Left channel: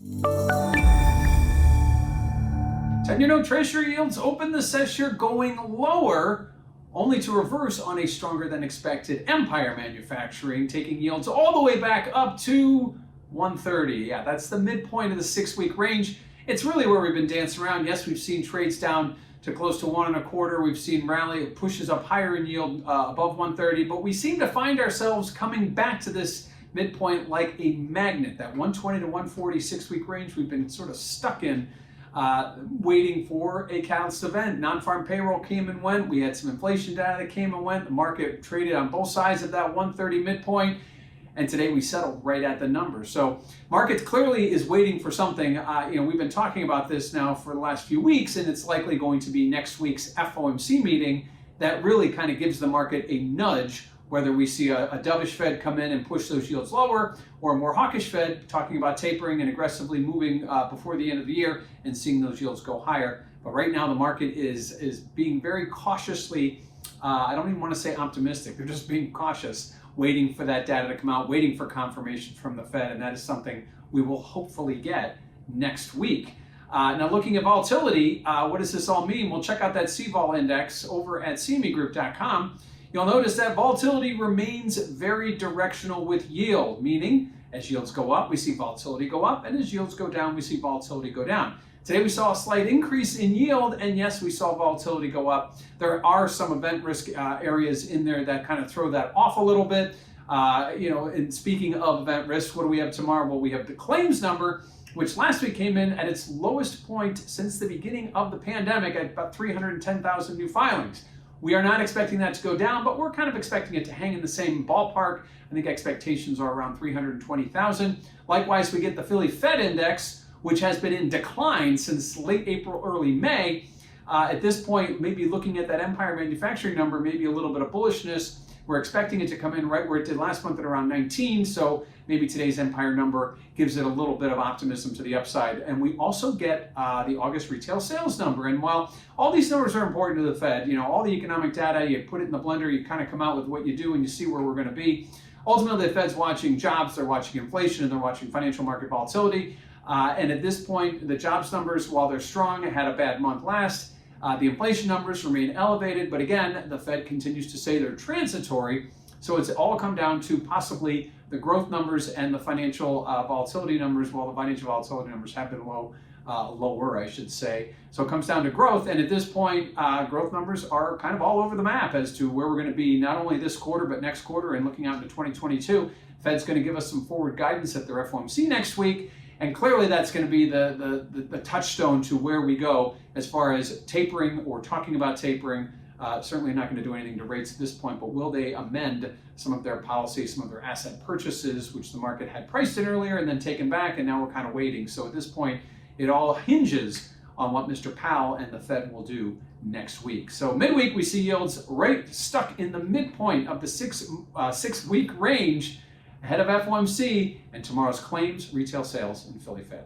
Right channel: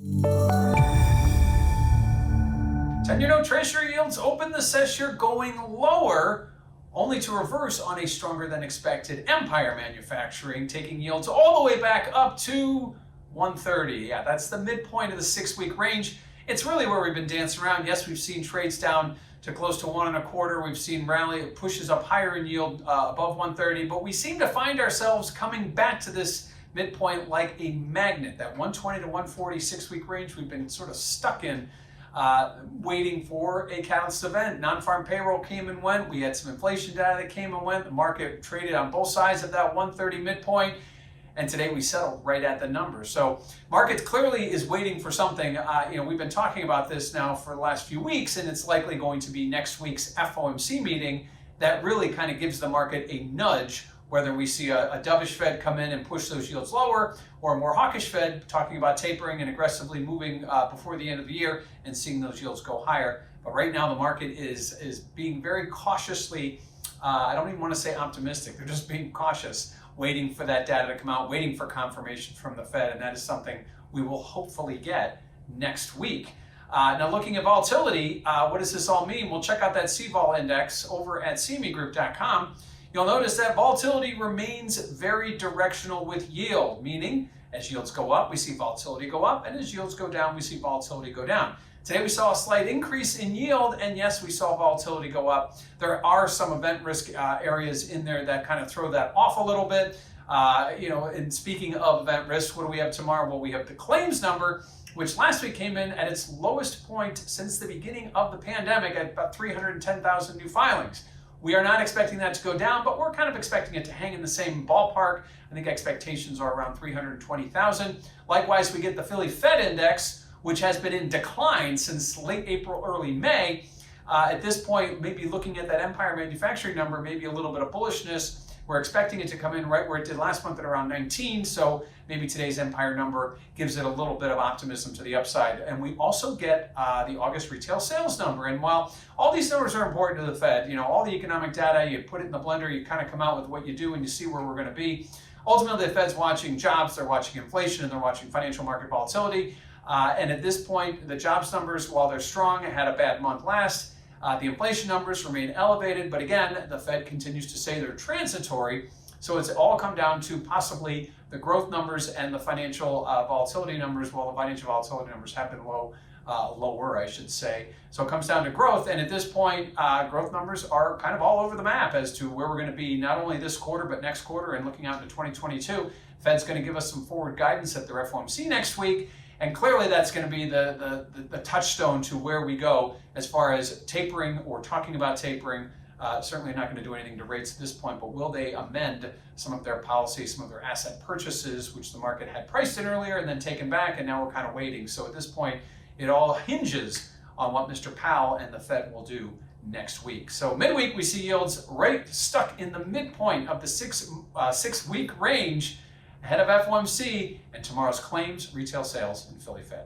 10-year note Treasury yields opened the session going lower, only to reverse on a stronger than expected Empire Manufacturing, taking yields all the way back up to 130. Yeah, that's the midpoint of the 6-week range. It's really where we've been dancing around. Yes, we've seen trades down to close to 1.25. We've seen rally pushes up higher in yield above 130, but we seem to find ourselves coming back to this midpoint like a magnet. That 120 to 140 6-week range we've been sort of stuck in, waiting for a catalyst event. Non-farm payroll came and went. We had some inflation data that came and went. The market traded on both sides of that 130 midpoint. And today we settled right at the number. So market clearly is waiting for something. We've been talking about this now for the last few weeks, and it's likely going to be next week's FOMC meeting that really kind of gives the market a nudge, whether we see a dovish Fed come in and push those yields lower, or a more hawkish Fed talking about tapering and aggressively moving before the end of the year and seeing those yields go higher. But right now the market is being very cautiously, I don't even want to say optimistic, they're just being cautious, waiting for that data to come out, waiting for confirmation from the Fed, and that is something we will hopefully get next week. Now looking at volatility, what does this all mean? We'll check out that CVOL index over at cmegroup.com. You'll notice that volatility remains very directional with yield, meaning as yields go up, we see volatility go up, and as yields go down, we see volatility go down. Today we saw a slight increase in yield, and yes, we saw volatility go up. There are some event risk areas in there that kind of throw that off a little bit. And speaking of event risk, what do we have tomorrow? Well, we have the claims number, which last week came in at its lowest point since the beginning of the pandemic at about 310,000 new filings. We are not expecting that to go down, but we're kind of expecting it to hang in the same ballpark. I think expectations are around 320,000. Likewise, we get the Philly Fed index, which has been in decline since late April, early May. At this point, maybe looking at that Empire Manufacturing number, maybe a little bit of bullishness. We're expecting it to come in right where it did last month at around 19, so maybe today's Empire number gives it a little bit of optimism to the upside. And we also get the August retail sales number. And while all these numbers are important to the Fed, all the economic data, you put it in the blender, you kind of come out with what you do and you see where we're going to be. Ultimately, the Fed's watching jobs, they're watching inflation, and they're watching financial market volatility. And at this point, the jobs numbers, while they're strong, had a bad month last. The inflation numbers remain elevated, but again, the Fed continues to say they're transitory. So it's all come down to possibly the growth numbers and the financial volatility numbers. Well, the financial volatility numbers have been lower, I should say. So it comes down to growth. And at this point, growth numbers are kind of all over the map as to where we're going to be not only this quarter, but next quarter and looking out into 2022. Fed's going to give us some forward guidance at their FOMC next week. And clearly that's going to be the touchstone to where we go as far as tapering or talking about tapering. Certainly not going to do anything to rates at this point, but will they amend some of their policies, some of their asset purchases, which the market had priced in earlier and then taken back, and now we're kind of waiting. So at this point, it all hinges on what Mr. Powell and the Fed will do next week. So midweek, we see yields right stuck in the midpoint of the six-week range, ahead of FOMC and tomorrow's claims, retail sales, and Philly Fed.